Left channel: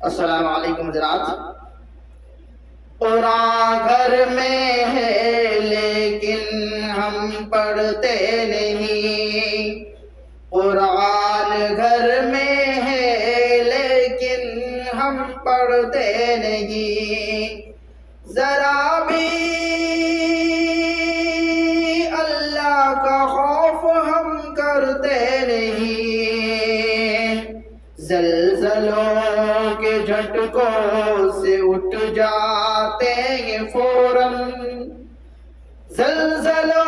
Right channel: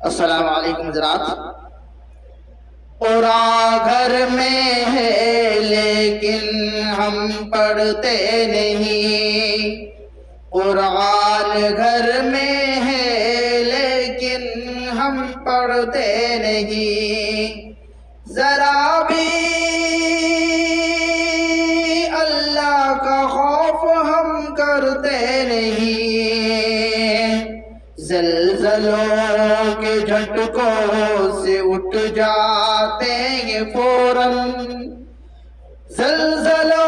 السلام علیکم حضرات۔ قرآن گھر میں ہے لیکن ہم پڑھتے نہیں، قرآن گھر میں ہے لیکن ہم پڑھتے نہیں، ذرا بھی اللہ کا خوف ہم کرتے نہیں، زلزلوں کے جھٹکوں سے اٹھ جاتے ہیں فوراً، زلزلوں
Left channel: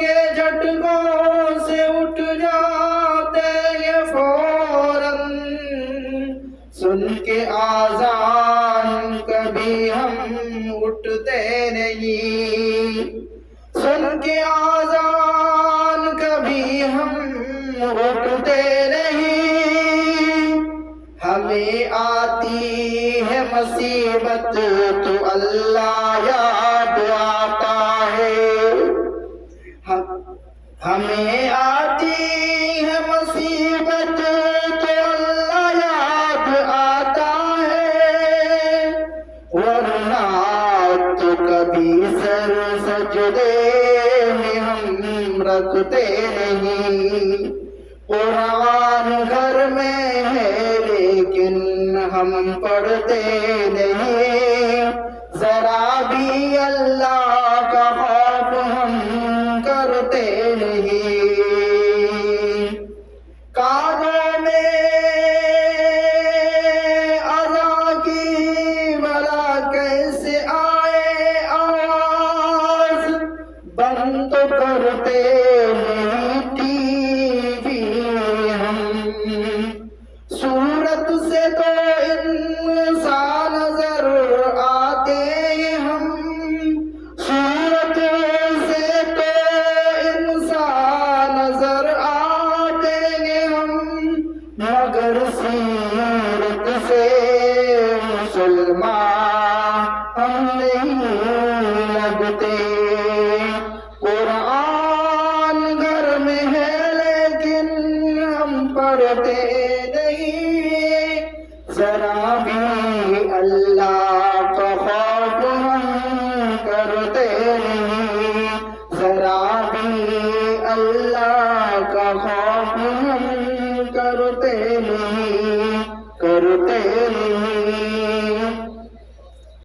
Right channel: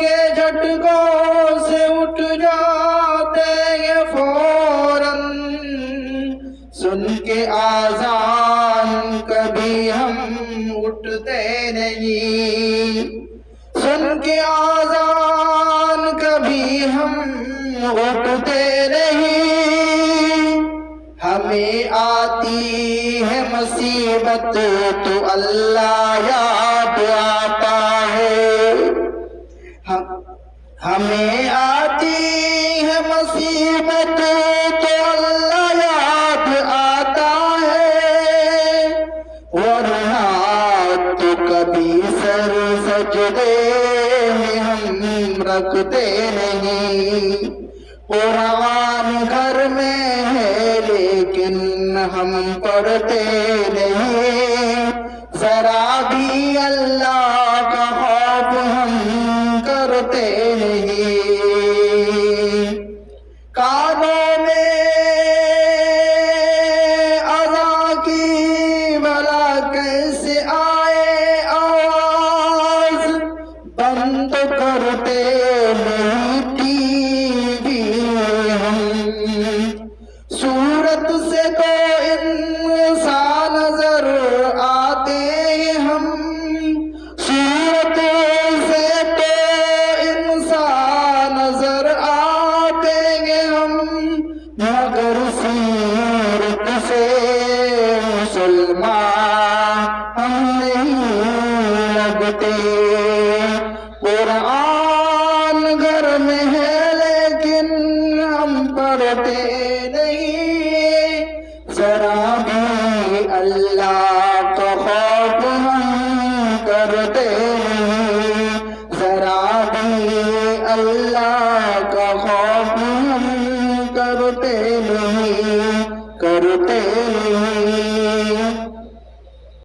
کے جھٹکوں سے اٹھ جاتے ہیں فوراً، سن کے آذان کبھی ہم اٹھتے نہیں، سن کے آذان کبھی ہم اٹھتے نہیں، ہمیں آتی ہے مصیبت تو اللہ یاد آتا ہے، ہمیں آتی ہے مصیبت تو اللہ یاد آتا ہے، ورنہ تو کبھی سر سجدے میں ہم رکھتے نہیں، قرآن گھر میں ہے لیکن ہم پڑھتے نہیں، ذرا بھی اللہ کا خوف ہم کرتے نہیں، کانوں میں اذان کی بھلا کیسے آئے آواز، بند کرتے نہیں ٹی وی ہم، صورت سے تو انسان نظر آتے ہیں ہم، صورت سے تو انسان نظر آتے ہیں ہم، مگر سیرت سے مسلمان ہم نہیں لگتے، قرآن گھر میں ہے لیکن ہم پڑھتے نہیں، ذرا بھی اللہ کا خوف ہم کرتے